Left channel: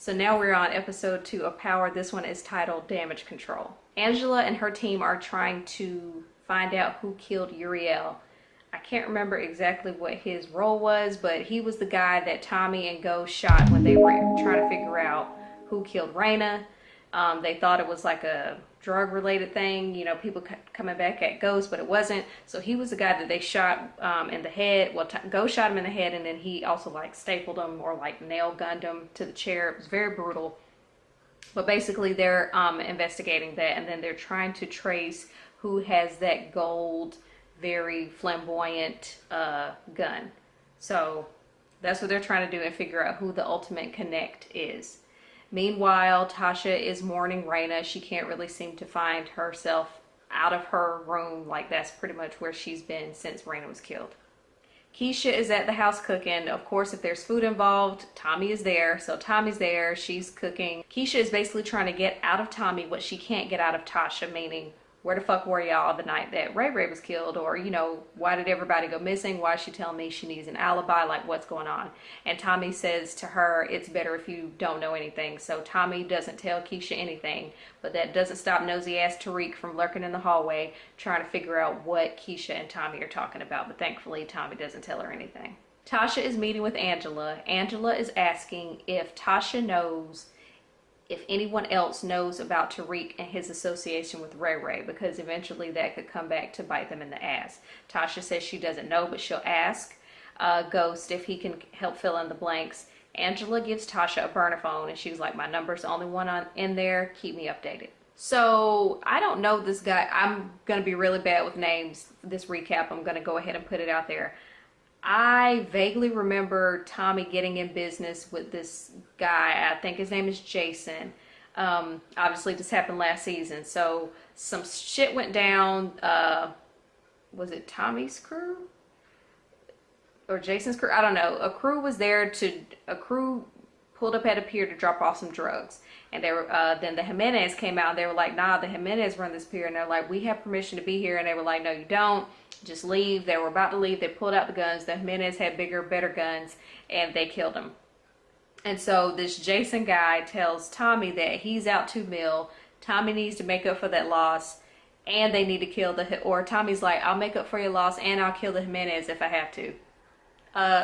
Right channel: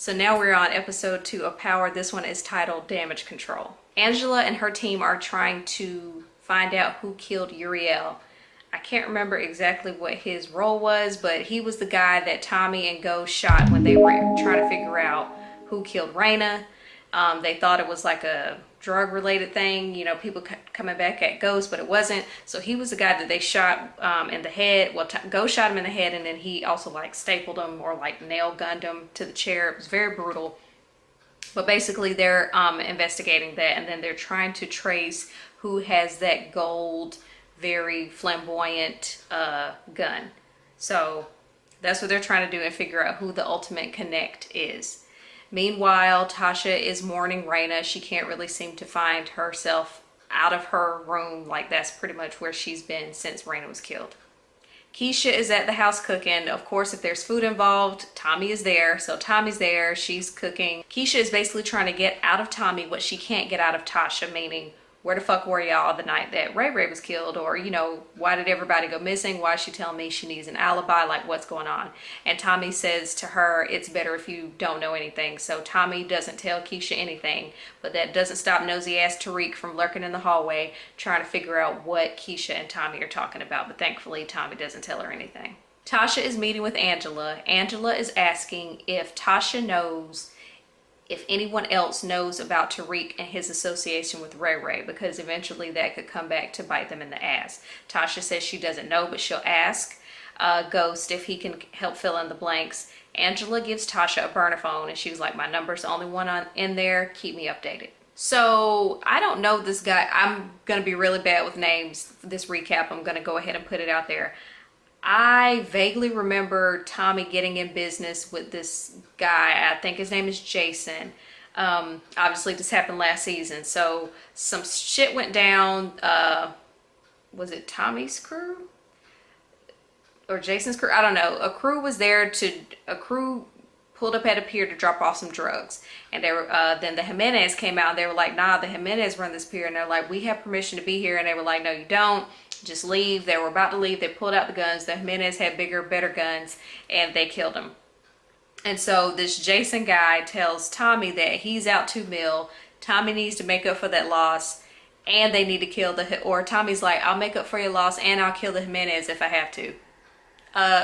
So now we're on episode 2 of Power. This one is titled Damage Control. Angela and her team are trying to find out who killed Uriel. I can't remember exactly what his role was, but he was the guy that Tommy and Ghost shot when they were trying to figure out who killed Raina. They thought it was like a drug-related thing, you know, people coming back at Ghost, but it wasn't. So he was the guy that they shot in the head. Well, Ghost shot him in the head, and then he also like stapled him or like nail gunned him to the chair. It was very brutal. But basically they're investigating that, and then they're trying to trace who has that gold, very flamboyant gun. So that's what they're trying to do and figure out who the ultimate connect is. Meanwhile, Tasha is mourning Raina. She can't really seem to find herself out of her room. Like, that's pretty much where she's been since Raina was killed. Keisha is at the house cooking. Of course, if there's food involved, Tommy is there. So Tommy's there, she's cooking. Keisha is basically trying to get out of Tommy what she can't get out of Tasha, meaning, where the fuck were y'all the night that Ray Ray was killed? Or, you know, why did everybody go missing? Why is she telling me she needs an alibi? Like, what's going on? And Tommy says to her, it's better if you don't know anything. So Tommy doesn't tell Keisha anything, but that doesn't stop nosy ass Tariq from lurking in the hallway trying to figure out what Keisha and Tommy are talking about. But thankfully, Tommy doesn't tell her anything. Tasha is meeting with Angela. Angela is asking if Tasha knows if anyone else knows about Tariq and his association with Ray Ray, because eventually that could come back to bite them in the ass. Tasha says she doesn't know, but she'll ask Ghost if he can help fill in the blanks. Angela gives Tasha a burner phone, and she was like, my number's the only one in there. Keep me updated. So I don't know this guy. I'm going to be really bad with names. This recap, I'm going to go ahead and put it out there. I vaguely remember Tommy getting in business with this guy. I think his name is Jason. Obviously this happened last season. So some shit went down. Was it Tommy's crew? Or Jason's crew? I don't know. A crew pulled up at a pier to drop off some drugs. And they were, then the Jimenez came out and they were like, nah, the Jimenez run this pier. And they're like, we have permission to be here. And they were like, no, you don't. Just leave. They were about to leave. They pulled out the guns. The Jimenez had bigger, better guns, and they killed him. And so this Jason guy tells Tommy that he's out $2 million. Tommy needs to make up for that loss, and they need to kill or Tommy's like, I'll make up for your loss, and I'll kill the Jimenez if I have to.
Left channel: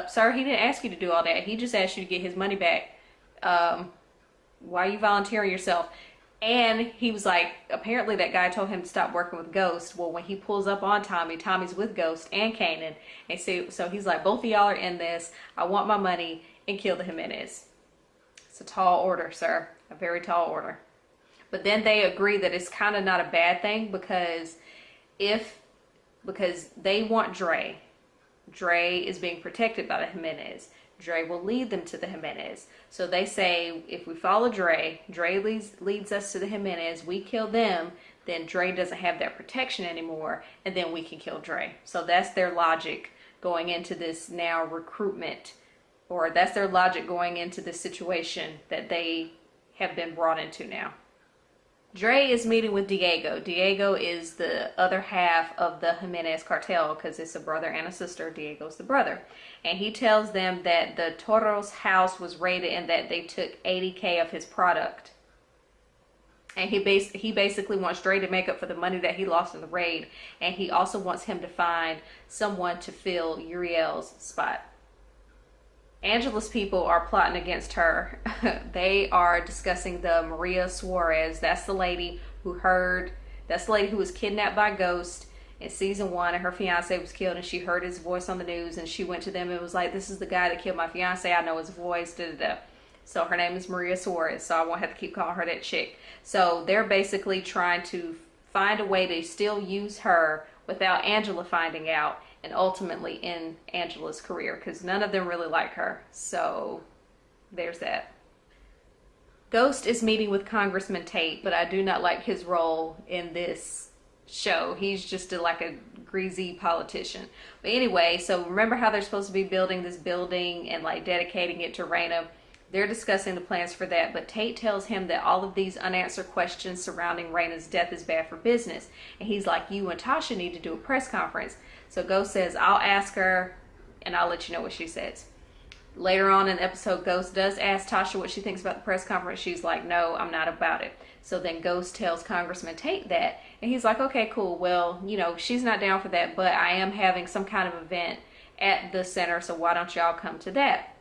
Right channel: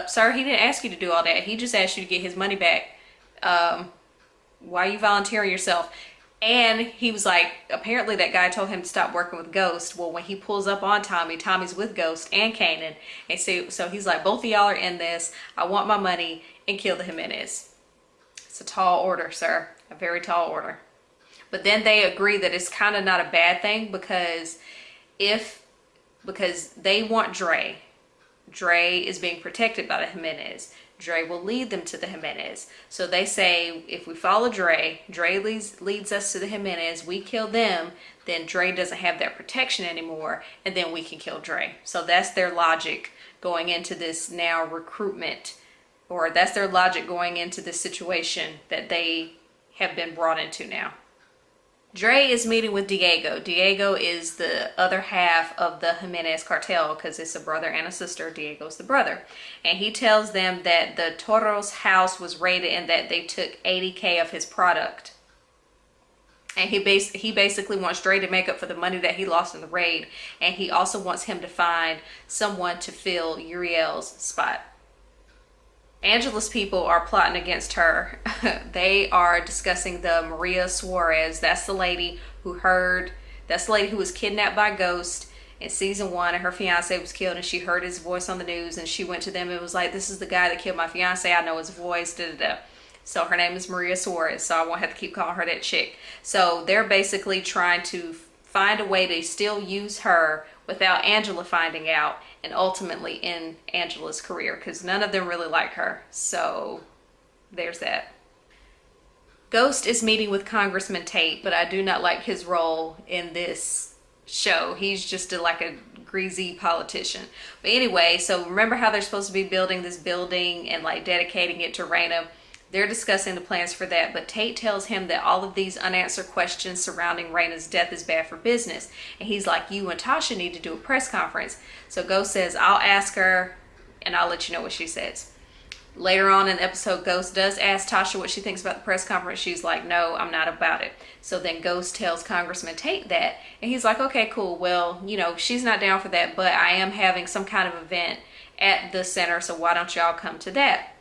Sir, he didn't ask you to do all that. He just asked you to get his money back. Why are you volunteering yourself? And he was like, apparently that guy told him to stop working with Ghost. Well, when he pulls up on Tommy, Tommy's with Ghost and Kanan. And so he's like, both of y'all are in this. I want my money, and kill the Jimenez. It's a tall order, sir. A very tall order. But then they agree that it's kind of not a bad thing because they want Dre. Dre is being protected by the Jimenez. Dre will lead them to the Jimenez. So they say, if we follow Dre leads us to the Jimenez, we kill them, then Dre doesn't have that protection anymore, and then we can kill Dre. So that's their logic going into this now recruitment, or that's their logic going into this situation that they have been brought into now. Dre is meeting with Diego. Diego is the other half of the Jimenez cartel because it's a brother and a sister. Diego's the brother. And he tells them that the Toro's house was raided and that they took $80K of his product. And he basically wants Dre to make up for the money that he lost in the raid. And he also wants him to find someone to fill Uriel's spot. Angela's people are plotting against her. They are discussing the Maria Suarez. That's the lady who was kidnapped by Ghost in season 1, and her fiance was killed, and she heard his voice on the news, and she went to them and was like, this is the guy that killed my fiance. I know his voice, da da da. So her name is Maria Suarez, so I won't have to keep calling her that chick. So they're basically trying to find a way to still use her without Angela finding out, and ultimately end Angela's career, because none of them really like her. So there's that. Ghost is meeting with Congressman Tate, but I do not like his role in this show. He's just like a greasy politician. But anyway, so remember how they're supposed to be building this building and like dedicating it to Raina? They're discussing the plans for that, but Tate tells him that all of these unanswered questions surrounding Raina's death is bad for business. And he's like, you and Tasha need to do a press conference. So Ghost says, I'll ask her and I'll let you know what she says. Later on in the episode, Ghost does ask Tasha what she thinks about the press conference. She's like, no, I'm not about it. So then Ghost tells Congressman Tate that, and he's like, okay, cool. Well, you know, she's not down for that, but I am having some kind of event at the center, so why don't y'all come to that?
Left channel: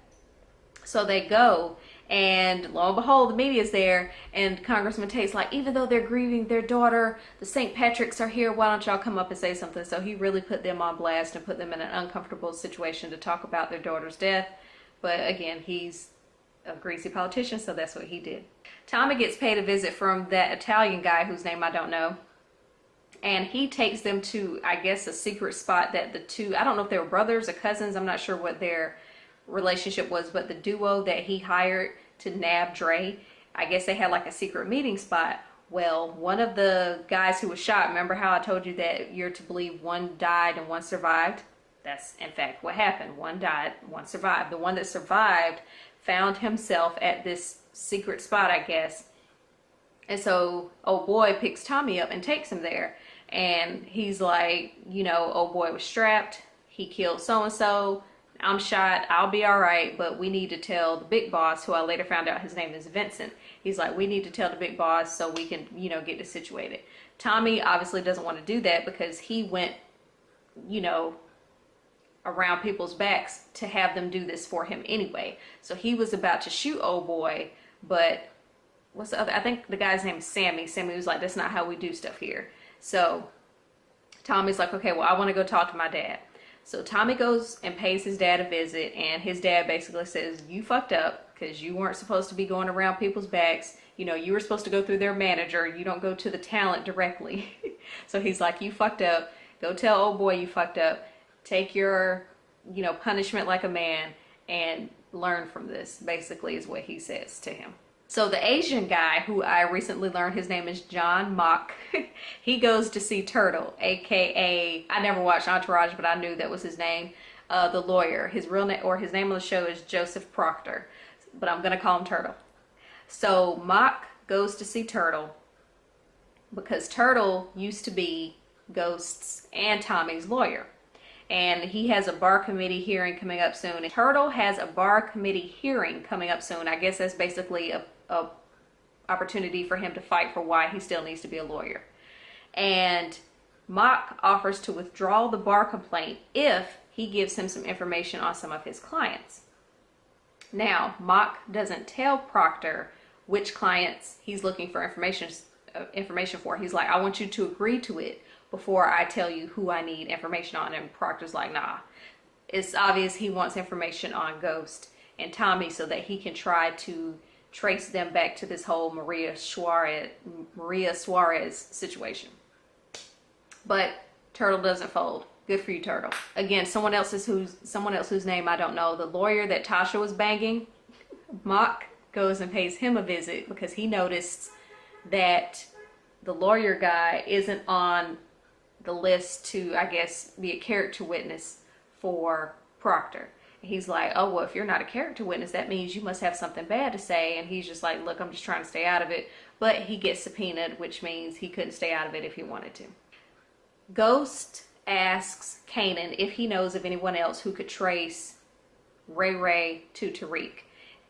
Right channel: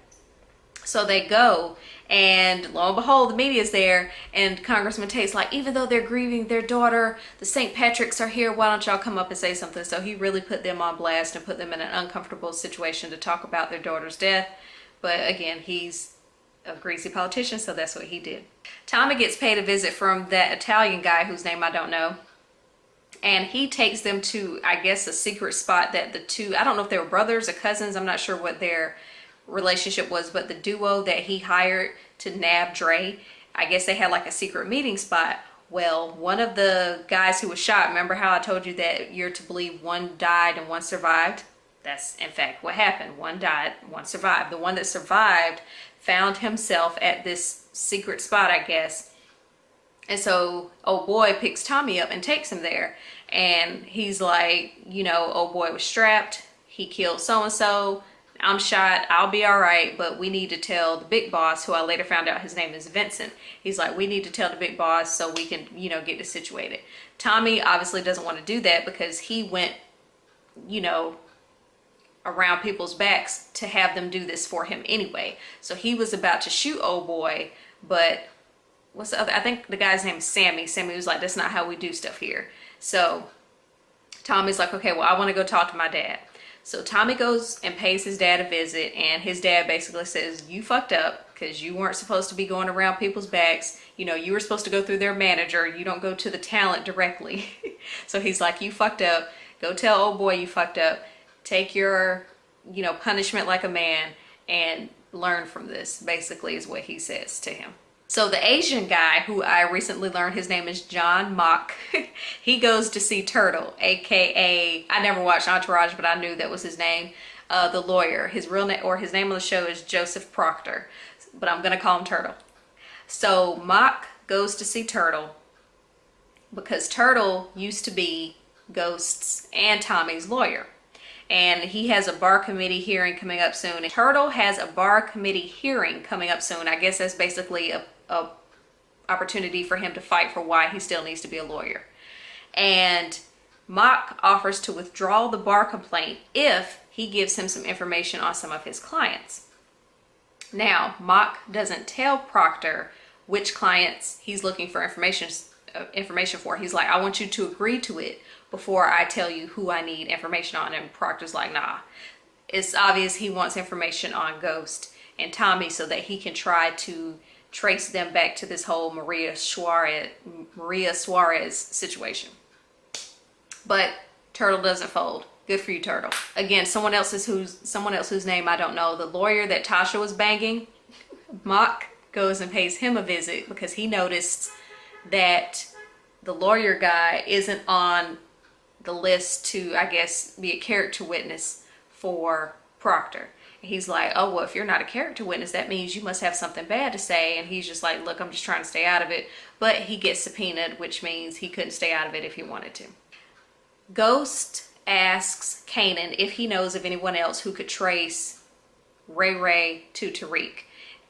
So they go, and lo and behold, the media's there, and Congressman Tate's like, even though they're grieving their daughter, the St. Patrick's are here, why don't y'all come up and say something? So he really put them on blast and put them in an uncomfortable situation to talk about their daughter's death. But again, he's a greasy politician, so that's what he did. Tommy gets paid a visit from that Italian guy whose name I don't know. And he takes them to, I guess, a secret spot that the two, I don't know if they were brothers or cousins, I'm not sure what their relationship was, but the duo that he hired to nab Dre, I guess they had like a secret meeting spot. Well, one of the guys who was shot, remember how I told you that you're to believe one died and one survived? That's in fact what happened. One died, one survived. The one that survived found himself at this secret spot, I guess. And so old boy picks Tommy up and takes him there. And he's like, you know, old boy was strapped. He killed so-and-so. I'm shot, I'll be all right, but we need to tell the big boss, who I later found out his name is Vincent. He's like, we need to tell the big boss so we can, you know, get this situated. Tommy obviously doesn't want to do that because he went, you know, around people's backs to have them do this for him anyway. So he was about to shoot old boy, but what's the other? I think the guy's name is Sammy. Sammy was like, that's not how we do stuff here. So Tommy's like, okay, well, I want to go talk to my dad. So Tommy goes and pays his dad a visit, and his dad basically says, you fucked up because you weren't supposed to be going around people's backs. You know, you were supposed to go through their manager. You don't go to the talent directly. So he's like, you fucked up. Go tell old boy you fucked up. Take your, you know, punishment like a man and learn from this, basically is what he says to him. So the Asian guy, who I recently learned his name is John Mock, he goes to see Turtle, aka, I never watched Entourage, but I knew that was his name, the lawyer. His real name, or his name on the show, is Joseph Proctor, but I'm gonna call him Turtle. So Mock goes to see Turtle because Turtle used to be Ghost's and Tommy's lawyer. And he has a bar committee hearing coming up soon. And Turtle has a bar committee hearing coming up soon. I guess that's basically a opportunity for him to fight for why he still needs to be a lawyer. And Mock offers to withdraw the bar complaint if he gives him some information on some of his clients. Now, Mock doesn't tell Proctor which clients he's looking for information for. He's like, I want you to agree to it before I tell you who I need information on. And Proctor's like, nah. It's obvious he wants information on Ghost and Tommy so that he can try to trace them back to this whole Maria Suarez situation. But Turtle doesn't fold. Good for you, Turtle. Again, someone else whose name I don't know. The lawyer that Tasha was banging, Mock goes and pays him a visit because he noticed that the lawyer guy isn't on the list to, I guess, be a character witness for Proctor. He's like, oh, well, if you're not a character witness, that means you must have something bad to say. And he's just like, look, I'm just trying to stay out of it. But he gets subpoenaed, which means he couldn't stay out of it if he wanted to. Ghost asks Kanan if he knows of anyone else who could trace Ray Ray to Tariq.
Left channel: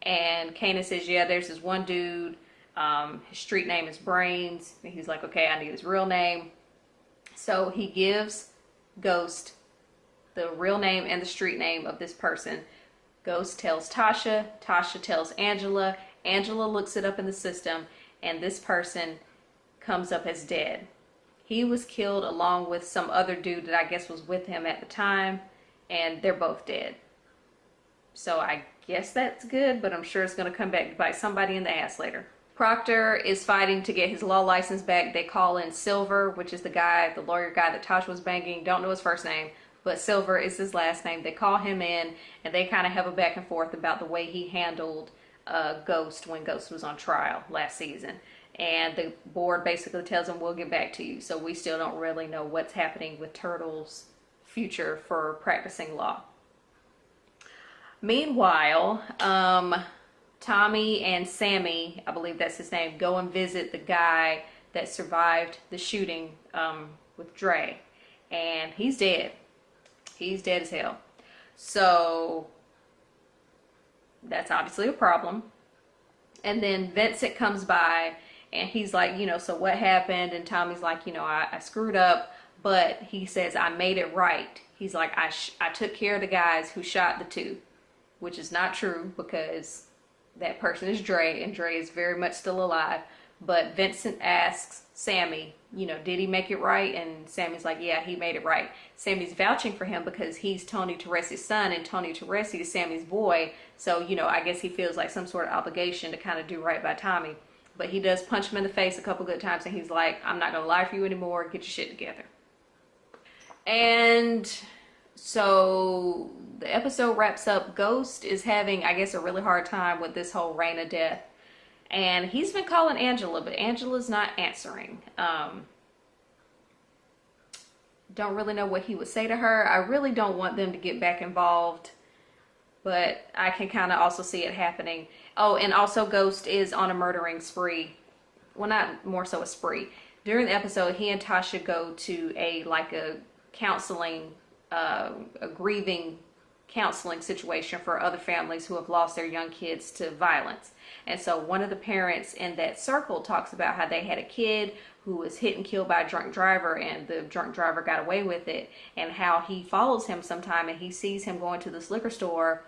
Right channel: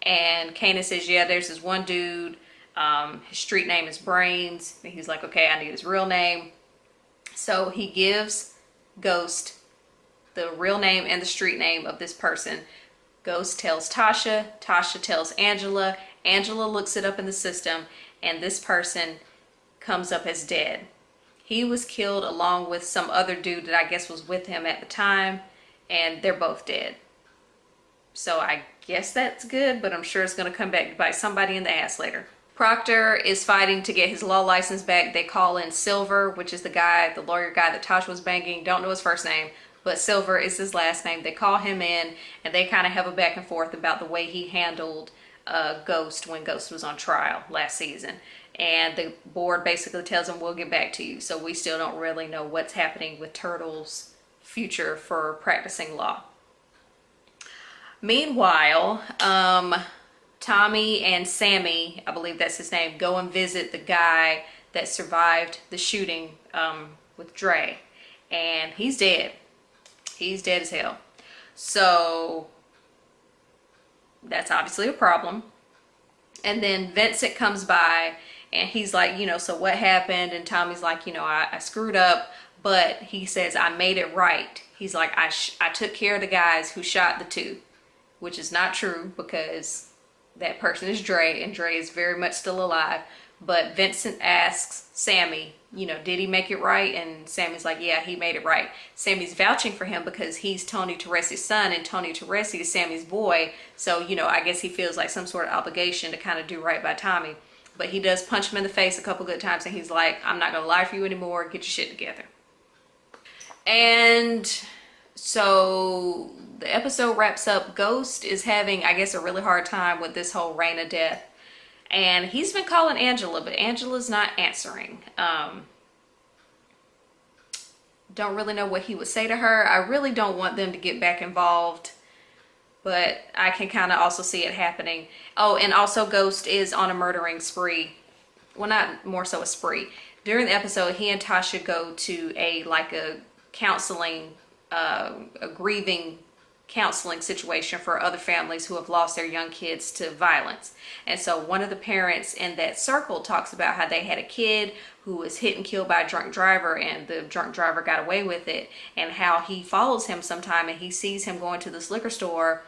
And Kanan says, yeah, there's this one dude. His street name is Brains. And he's like, okay, I need his real name. So he gives Ghost the real name and the street name of this person. Ghost tells Tasha. Tasha tells Angela. Angela looks it up in the system, and this person comes up as dead. He was killed along with some other dude that I guess was with him at the time, and they're both dead. So I guess that's good, but I'm sure it's going to come back to bite somebody in the ass later. Proctor is fighting to get his law license back. They call in Silver, which is the guy, the lawyer guy that Tasha was banging. Don't know his first name, but Silver is his last name. They call him in, and they kind of have a back and forth about the way he handled Ghost when Ghost was on trial last season. And the board basically tells him, we'll get back to you. So we still don't really know what's happening with Turtle's future for practicing law. Meanwhile, Tommy and Sammy, I believe that's his name, go and visit the guy that survived the shooting with Dre. And he's dead. He's dead as hell. So that's obviously a problem. And then Vincent comes by and he's like, so what happened? And Tommy's like, I screwed up, but he says, I made it right. He's like, I took care of the guys who shot the two, which is not true because that person is Dre, and Dre is very much still alive. But Vincent asks Sammy, did he make it right? And Sammy's like, yeah, he made it right. Sammy's vouching for him because he's Tony Teresi's son, and Tony Teresi is Sammy's boy. So, I guess he feels like some sort of obligation to kind of do right by Tommy. But he does punch him in the face a couple good times, and he's like, I'm not going to lie for you anymore. Get your shit together. And so the episode wraps up. Ghost is having, I guess, a really hard time with this whole reign of death. And he's been calling Angela, but Angela's not answering. Don't really know what he would say to her. I really don't want them to get back involved, but I can kind of also see it happening. Oh, and also Ghost is on a murdering spree. Well, not more so a spree. During the episode, he and Tasha go to a counseling, a grieving counseling situation for other families who have lost their young kids to violence. And so one of the parents in that circle talks about how they had a kid who was hit and killed by a drunk driver, and the drunk driver got away with it, and how he follows him sometime and he sees him going to this liquor store,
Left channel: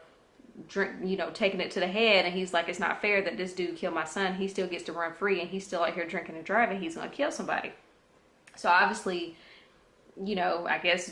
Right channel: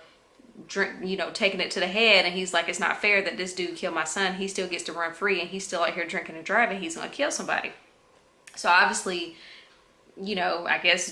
taking it to the head, and he's like, it's not fair that this dude killed my son. He still gets to run free and he's still out here drinking and driving. He's going to kill somebody. So obviously, I guess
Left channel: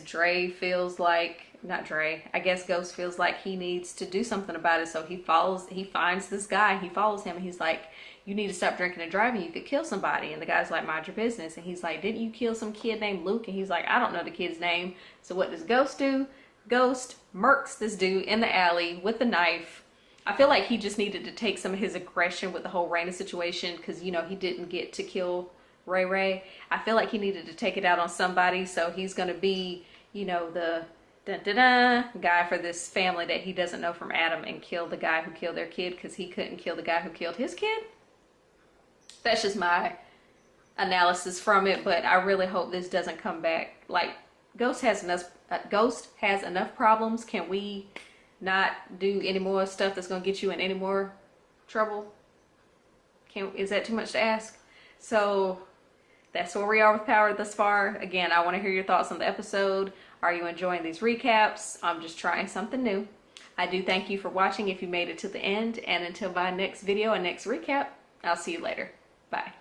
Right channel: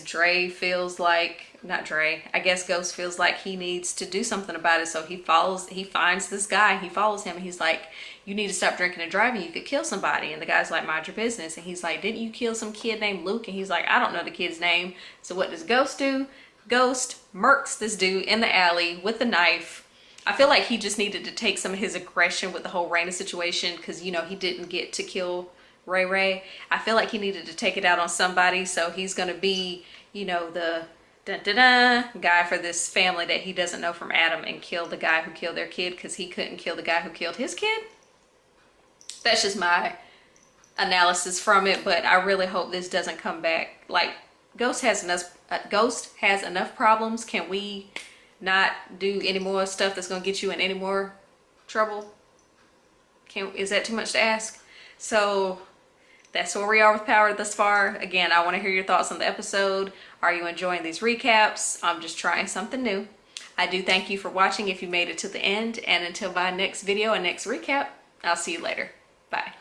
I guess Ghost feels like he needs to do something about it. So he finds this guy, he follows him, and he's like, you need to stop drinking and driving. You could kill somebody. And the guy's like, mind your business. And he's like, didn't you kill some kid named Luke? And he's like, I don't know the kid's name. So what does Ghost do? Ghost murks this dude in the alley with a knife. I feel like he just needed to take some of his aggression with the whole Raina situation, because, he didn't get to kill Ray Ray. I feel like he needed to take it out on somebody, so he's going to be, the guy for this family that he doesn't know from Adam, and kill the guy who killed their kid because he couldn't kill the guy who killed his kid. That's just my analysis from it, but I really hope this doesn't come back. Like, Ghost has enough problems. Can we not do any more stuff that's going to get you in any more trouble? Is that too much to ask? So that's where we are with Power thus far. Again, I want to hear your thoughts on the episode. Are you enjoying these recaps? I'm just trying something new. I do thank you for watching if you made it to the end. And until my next video and next recap, I'll see you later. Bye.